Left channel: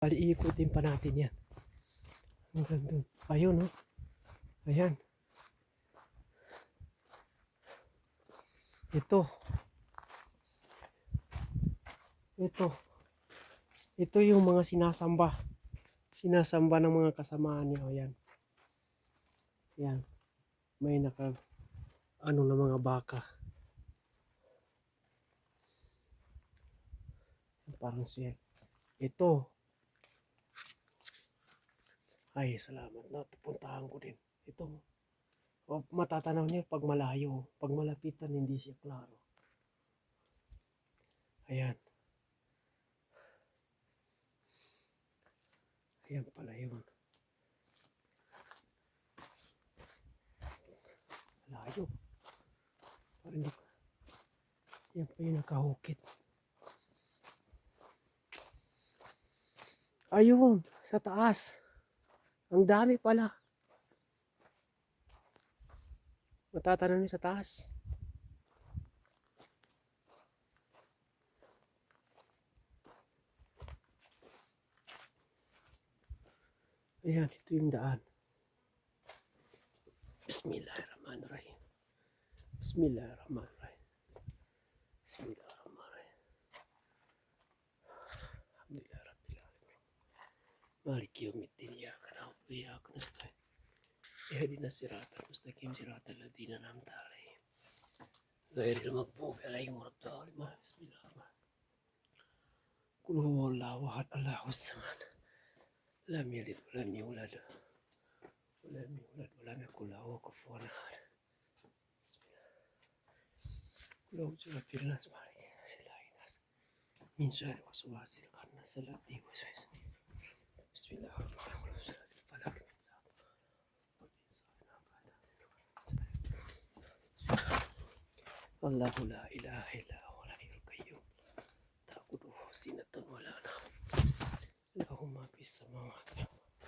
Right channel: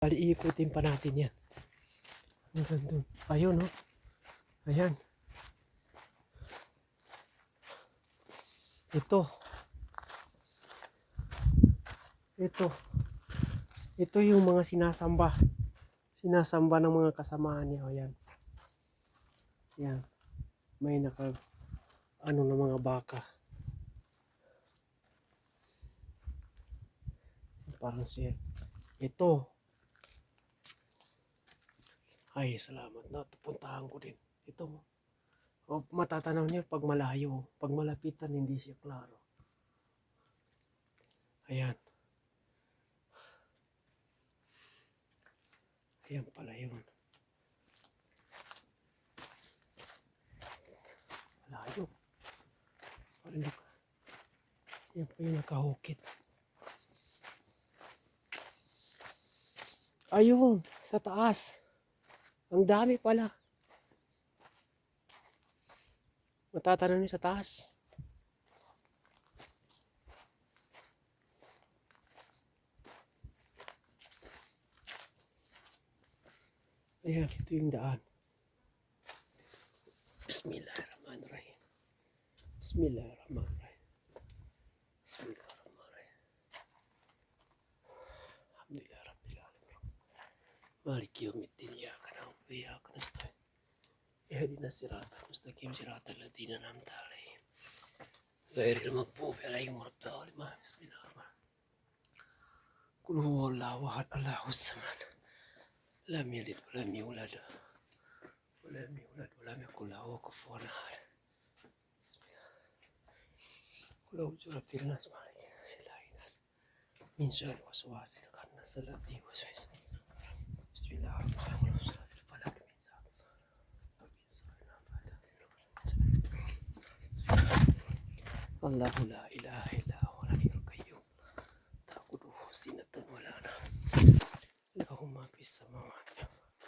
Bali, iikutin pa natin yan. Hanggang dun. Ayun, no? Ayan. Ito. Ito. Ito yung mga sinasamba. Sinasamba ng mga kasamaan niya. Ayan. Yan. May naka ano na mga baka. Parang siya. Ito. Ay, salamat na. Puntahan ko din. Ito. O, matatanaw niyo pag malayo. Pag malapitan, hindi siya klaro. Ayan. Ayan pala yun. Malayo. Parang ko. Yan pa yung nakahukit. Ayun, sa taas. Ang dami pala. Matatanan niyo sa taas. Ayan, ito yung daan. Bismillahirrahmanirrahim. Bismillahirrahmanirrahim. Bismillahirrahmanirrahim. Alhamdulillah Rabbil Alamin. Maliki yawmiddin ya وإياك نستعين. اهدنا الصراط المستقيم صراط الذين أنعمت عليهم. غير المغضوب عليهم ولا الضالين. بسم الله الرحمن قل هو الله أحد الله الصمد. لم يلد ولم يولد ولم يولد ولم يكن له كفوا أحد. بسم الله. قل برب الناس مالك الناس إله الناس. من شر وسواس الخناس الذي يوسوس بسم الله الرحمن الرحيم. Allahu la ilaha illa huwa al-hayyul qayyum. Ta'khudhuhu sinatun wa la nawm. Lahu ma fis samawati wal ardi.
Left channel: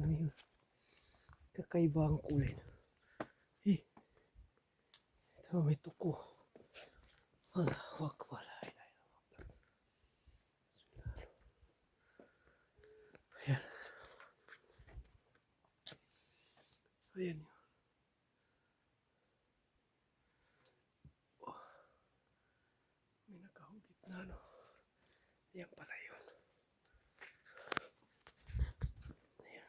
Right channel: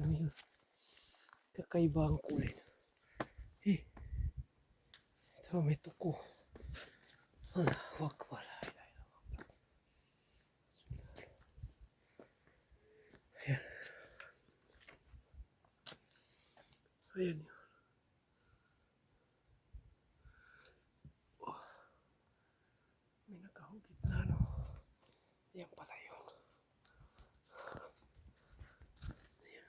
Ano yun? Kakaiba ang kulay na. Eh. Ito may tuko. Ala, wag pala. Ayan. Oh. May nakahugit na ano. Yan pala yun. Ayan.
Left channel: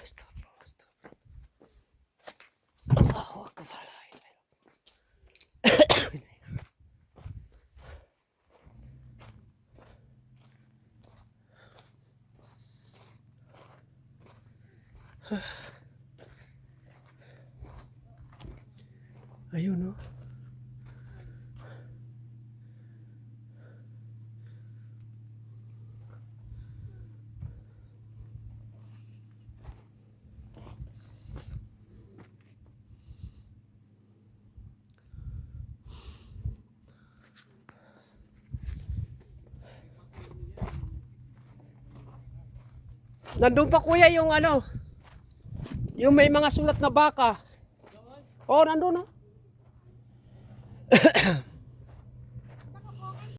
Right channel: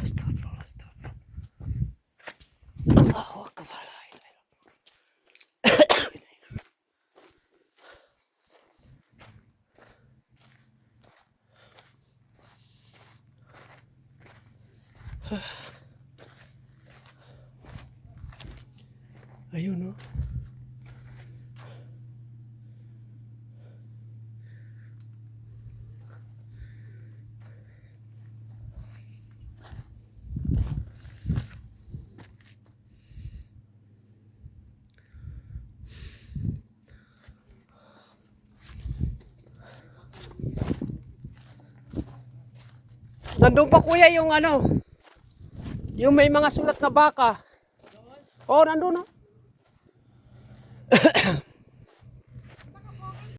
Astagfirullah, astagfirullah. Allahu Akbar. La ilaha illallah. Ayun no. Nandun pa kuya yung ano, yung may mga sulat na baka. Oh, nandun no.